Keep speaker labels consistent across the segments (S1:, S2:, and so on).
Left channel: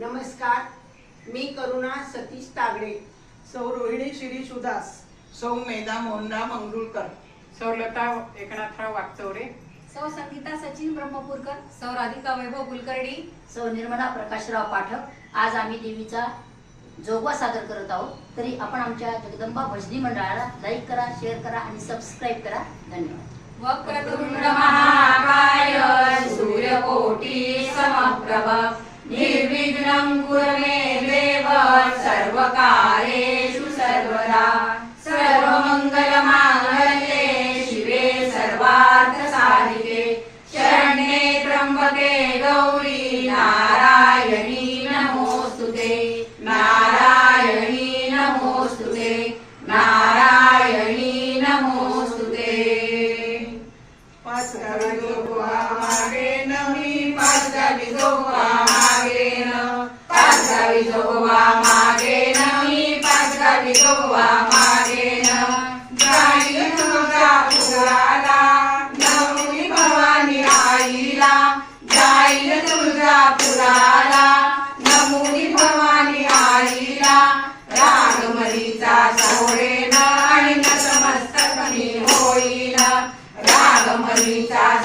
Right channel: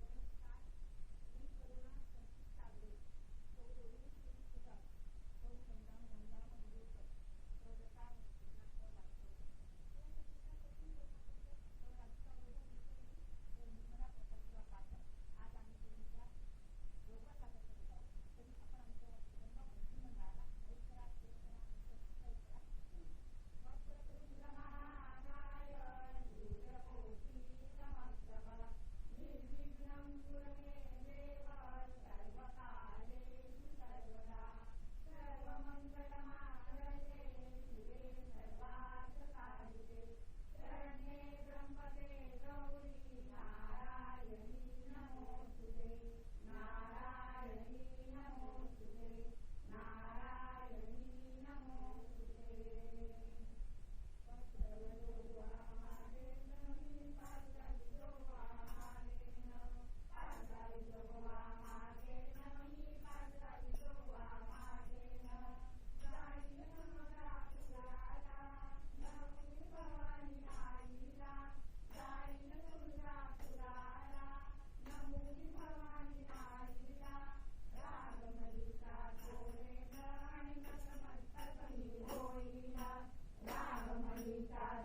S1: नमस्कार मी करुणा सतीश तागडे.
S2: सौ रोहिणी शिरीष उदास
S3: सौ मेधा मोहनराव मंगरुळकर
S4: सौलता एकनाथराव वागचौरे
S5: सौ संगीता सचिन ब्रह्मपूरकर सौ राधिका वैभव कुलकर्णी
S6: सौ निर्मला प्रकाशराव पाठक. आज आम्ही देवीचा जोगवा सादर करत आहोत. तरी आपण आमच्या जगदंबा भजनी मंडळाला लाईक करा शेअर करा आणि सबस्क्राईब करा. धन्यवाद.
S5: वक्रतुंड
S6: महाकाय सूर्यकोटी समप्रभ. निर्विघ्नं कुरु
S3: पाच गावी मी जाईल तुझा पुराला भवानी आईला. जाईल तुझा पुराला नमुनी भवानी आईला. रागमरीचा सोडेन आणि नतमस्तक मी होईन. रागमरीचा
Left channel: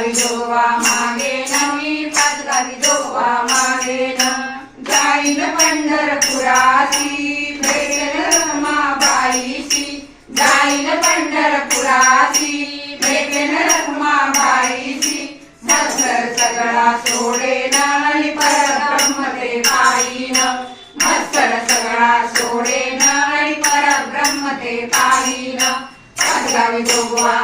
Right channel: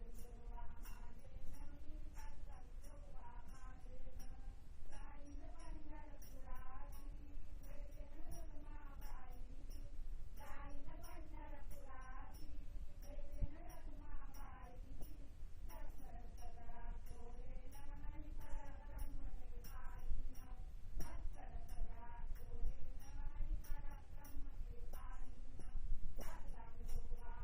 S3: गावी जोवा मागे ना मी पाच गावी जोवा मागे ना. जाईन पंढरपुराती भेटेन रमाबाईची. जाईन पंढरपुराती भेटेन रमाबाईची. मत्सर सगळा सोडे नाही परब्रह्म ते पाहिन मत्सर सगळा सोडे नाही परब्रह्म ते पाहिन पाच गावी जोवा